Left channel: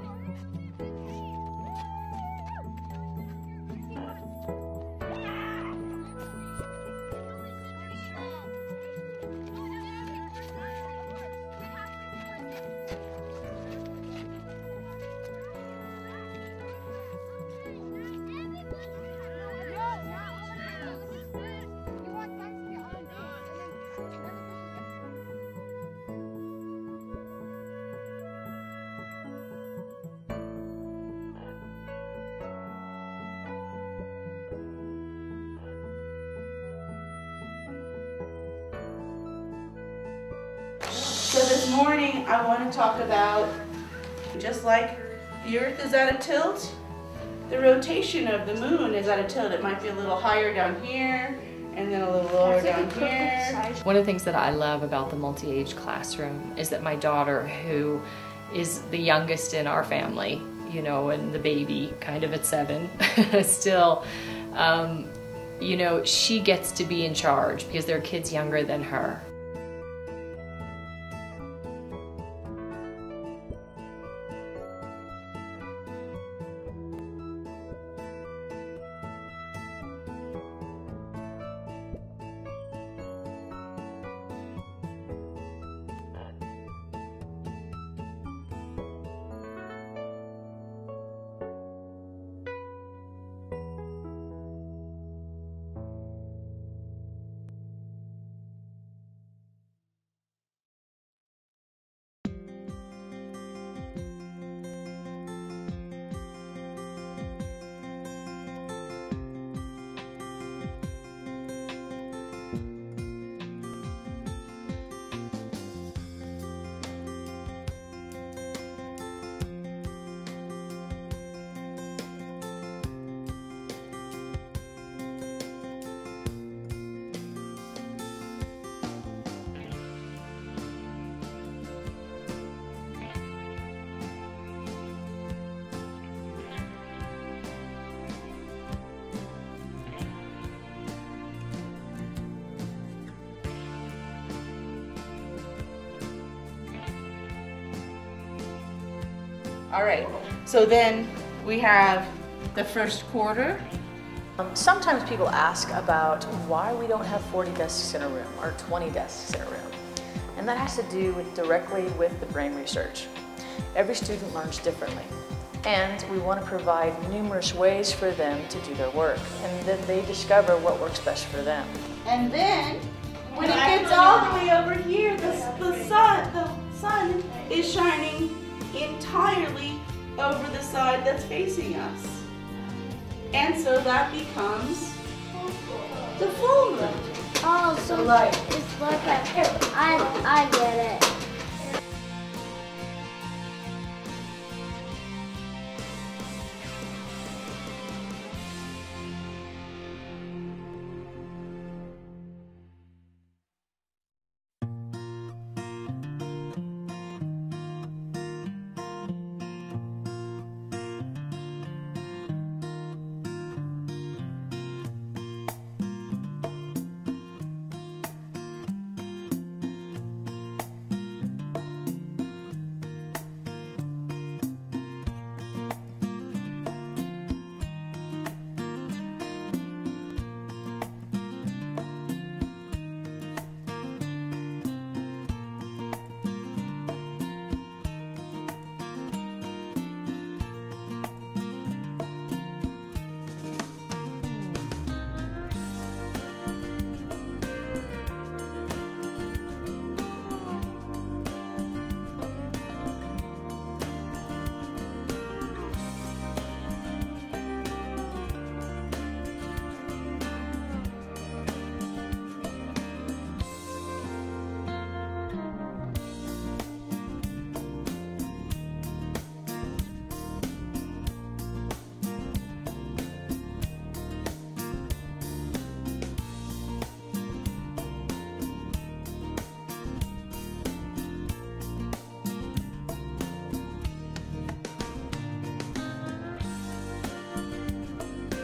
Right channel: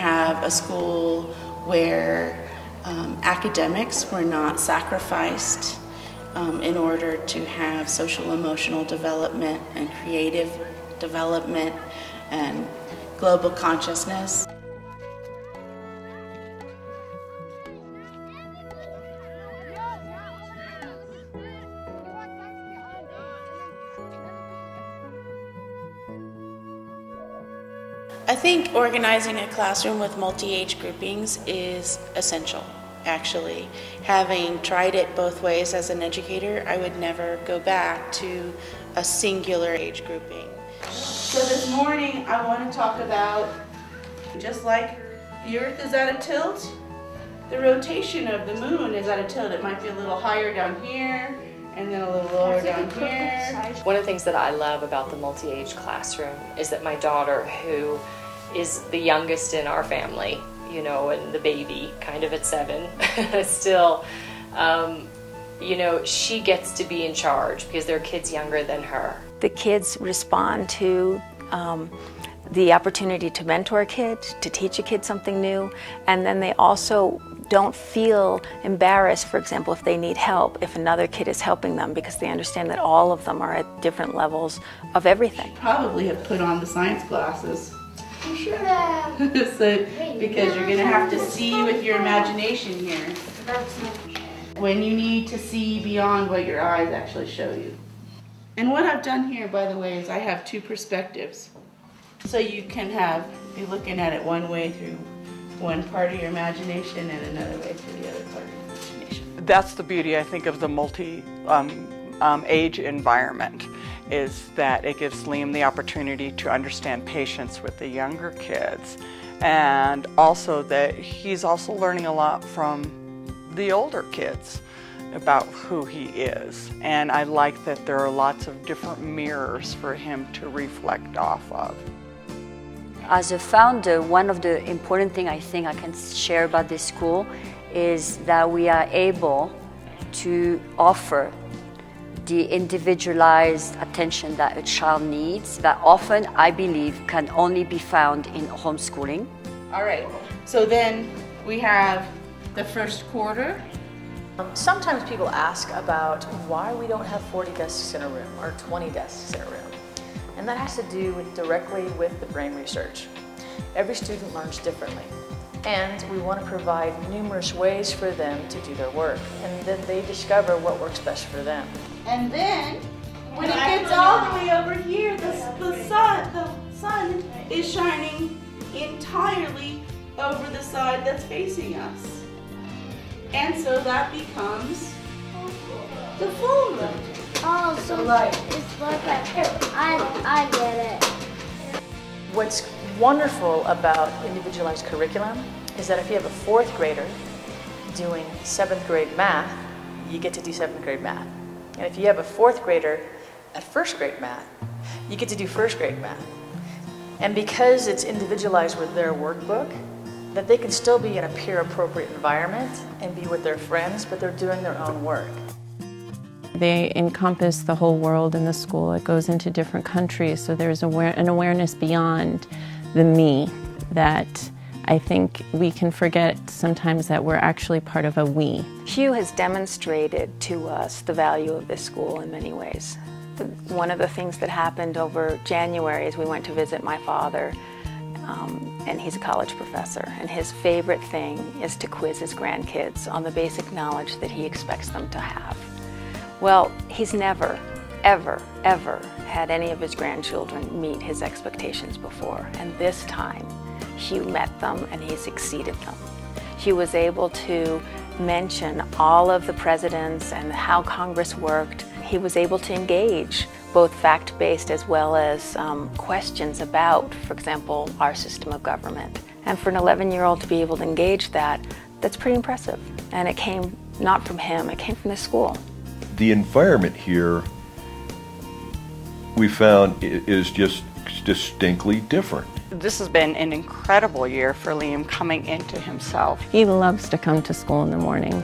have a school where academics were not sacrificed in order to have social emotional development and creative development and global consciousness. I think organizing a classroom with multi-age groupings is essential, actually. Having tried it both ways as an educator, I would never go back to a singular age grouping. So this morning I want to talk about, just like the Earth is at a tilt, the rotation of the moon is at a tilt. It might be a little higher down here, and then a little lower down here. One of the things that I love about the multi-age classroom is that my daughter, who is the youngest in our family, you know, and the baby kind of at 7 still, you know, she gets to be in charge because there are kids younger than her. The kids respond to the opportunity to mentor a kid, to teach a kid something new, and then they also don't feel embarrassed, for example, if they need help, if another kid is helping them, because they understand that all of them are at different levels of everything. Probably have put on the science glasses. You should have. So, because you're going to have to see with your imagination here. When you need to see beyond what your eyes actually show you. And what I've done here, by the way, is I have two perspectives. So you can be looking at it one way through one part of your imagination and another way through the other part of your imagination. That's the beauty, I think, of the multi-age environment, is that it gives Liam the opportunity to understand patience with the younger kids, and also that he's also learning a lot from the older kids about who he is. And I like that there are lots of different mirrors for him to reflect off of. As a founder, one of the important things I think I can share about this school is that we are able to offer the individualized attention that a child needs, that often, I believe, can only be found in homeschooling. All right, so then we have the first quarter. Sometimes people ask about why we don't have 40 desks in a room or 20 desks in a room. And that has to do directly with the brain research. Every student learns differently. And we want to provide numerous ways for them to do their work. And then they discover what works best for them. And then, when it gets all the way over here, the sun is shining entirely over the side that's facing us. And so that becomes the full moon. Oh, so it's like I get it. What's wonderful about individualized curriculum is that if you have a 4th grader doing 7th grade math, you get to do 7th grade math. And if you have a 4th grader at 1st grade math, you get to do 1st grade math. And because it's individualized with their workbook, that they can still be in a peer-appropriate environment and be with their friends, but they're doing their own work. They encompass the whole world in the school. It goes into different countries, so there's an awareness beyond the me that I think we can forget sometimes that we're actually part of a we. Hugh has demonstrated to us the value of this school in many ways. One of the things that happened over January is we went to visit my father, and he's a college professor, and his favorite thing is to quiz his grandkids on the basic knowledge that he expects them to have. Well, he's never, ever, ever had any of his grandchildren meet his expectations before, and this time he met them and he exceeded them. He was able to mention all of the presidents and how Congress worked. He was able to engage both fact-based as well as questions about, for example, our system of government. And for an 11-year-old to be able to engage that's pretty impressive. And it came not from him, it came from the school. The environment here, we found, is just distinctly different. This has been an incredible year for Liam coming into himself. He loves to come to school in the morning.